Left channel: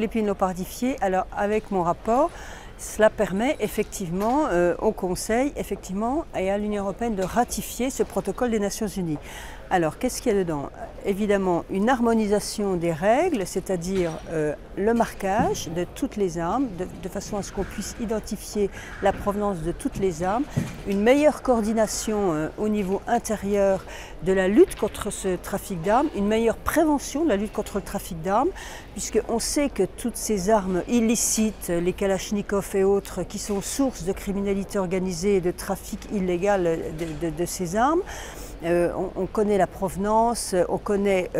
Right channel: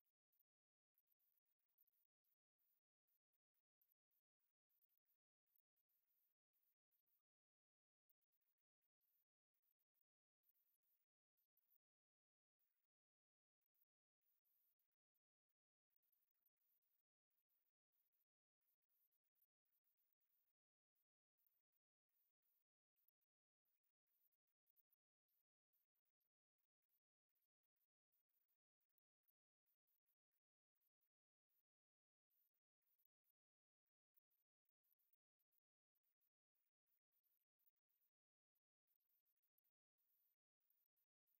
l'épine léopardifiée. Alors avec mon rapport, cela permet effectivement au Conseil et à l'Union européenne de ratifier ce protocole des Nations Unies. Alors qu'est-ce qu'il y a dedans? Évidemment une harmonisation des règles, c'est-à-dire le marquage de toutes les armes, de façon à ce qu'on puisse identifier la provenance de toutes les armes, une meilleure coordination au niveau intérieur de la lutte contre ce trafic d'armes, une meilleure prévention de la lutte contre le trafic d'armes, puisqu'on sait que toutes ces armes illicites, les kalachnikovs et autres, qui sont source de criminalité organisée et de trafic illégal de ces armes, on connaît la provenance, on connaît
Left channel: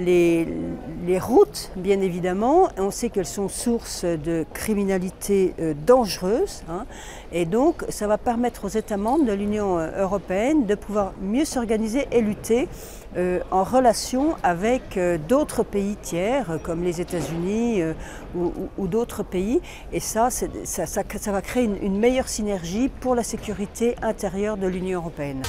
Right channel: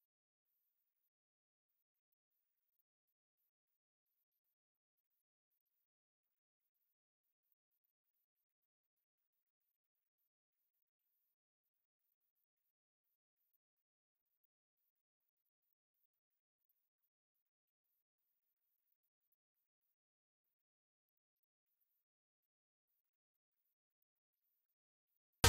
les routes bien évidemment, et on sait qu'elles sont source de criminalité dangereuse, hein, et donc ça va permettre aux États membres de l'Union européenne de pouvoir mieux s'organiser et lutter en relation avec d'autres pays tiers comme les États-Unis ou d'autres pays, et ça va créer une meilleure synergie pour la sécurité intérieure de l'Union européenne.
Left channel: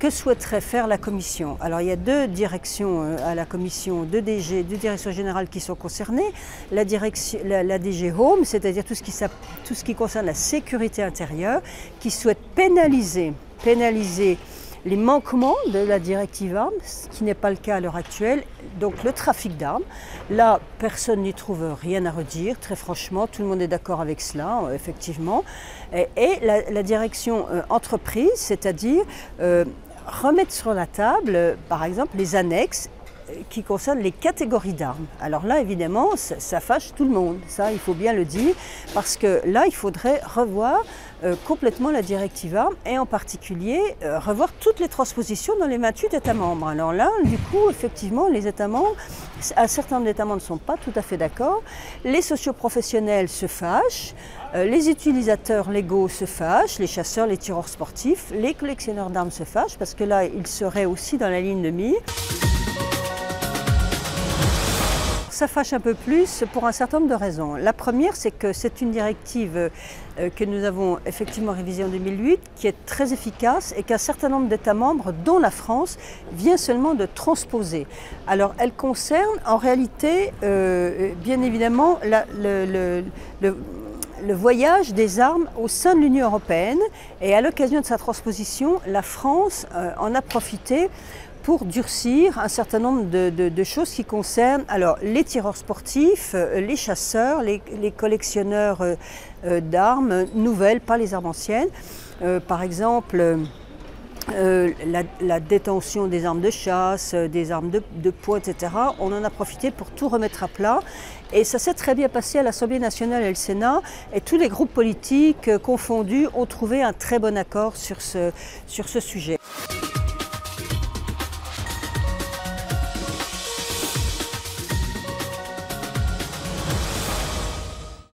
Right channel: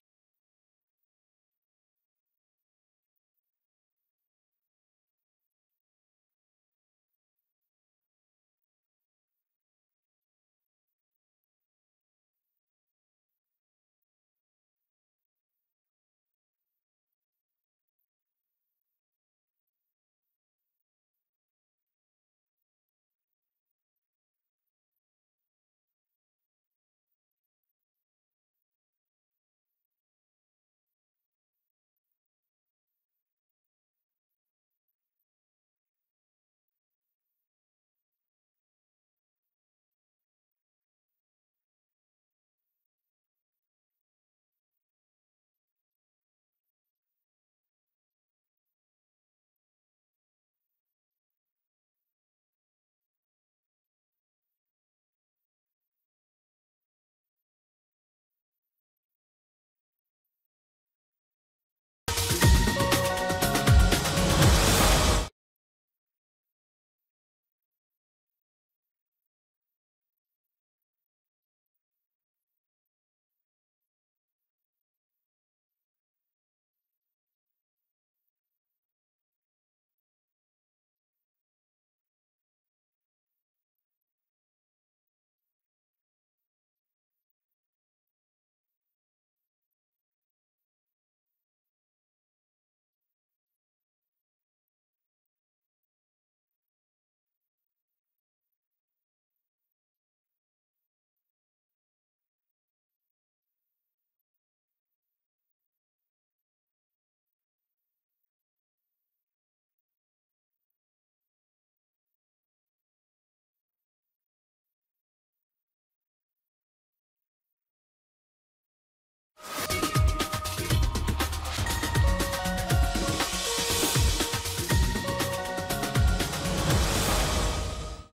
Que souhaiterait faire la Commission? Alors il y a deux directions à la Commission, deux directions générales qui sont concernées. La DG Home, c'est-à-dire tout ce qui concerne la sécurité intérieure, qui souhaite pénaliser les manquements de la directive armes, ce qui n'est pas le cas à l'heure actuelle, donc le trafic d'armes. Là, personne n'y trouve rien à redire, très franchement, tout le monde est d'accord avec cela, effectivement. Et la direction entreprise, c'est-à-dire remettre sur la table, par exemple, les annexes qui concernent les catégories d'armes. Alors là, évidemment, ça fâche tout le monde, ça il faut bien le dire, parce que là, il faudrait revoir complètement la directive armes et en particulier revoir toutes les transpositions dans les 28 États membres. Alors là, du coup, effectivement, les États membres, un certain nombre d'États membres ne sont pas tout à fait d'accord, les socioprofessionnels se fâchent, les utilisateurs légaux se fâchent, les chasseurs, les tireurs sportifs, les collectionneurs d'armes se fâchent, parce que là, ils seraient aussi dans la ligne de mire. Ça fâche un peu plus pour un certain nombre de raisons. La première, c'est que c'est une directive que nous avons effectivement révisée en 2008, qui est très efficace et qu'un certain nombre d'États membres, dont la France, vient seulement de transposer. Alors, elle concerne en réalité, bien évidemment, le voyage des armes au sein de l'Union européenne, et à l'occasion de sa transposition, la France en a profité pour durcir un certain nombre de choses qui concernent alors, les tireurs sportifs, les chasseurs, les collectionneurs d'armes nouvelles, pas les armes anciennes. Par exemple, la détention des armes de chasse, des armes de poing, etc. On en a profité pour tout remettre à plat. Et ça s'est très bien passé à l'Assemblée nationale et le Sénat. Et tous les groupes politiques confondus ont trouvé un très bon accord sur ce sujet.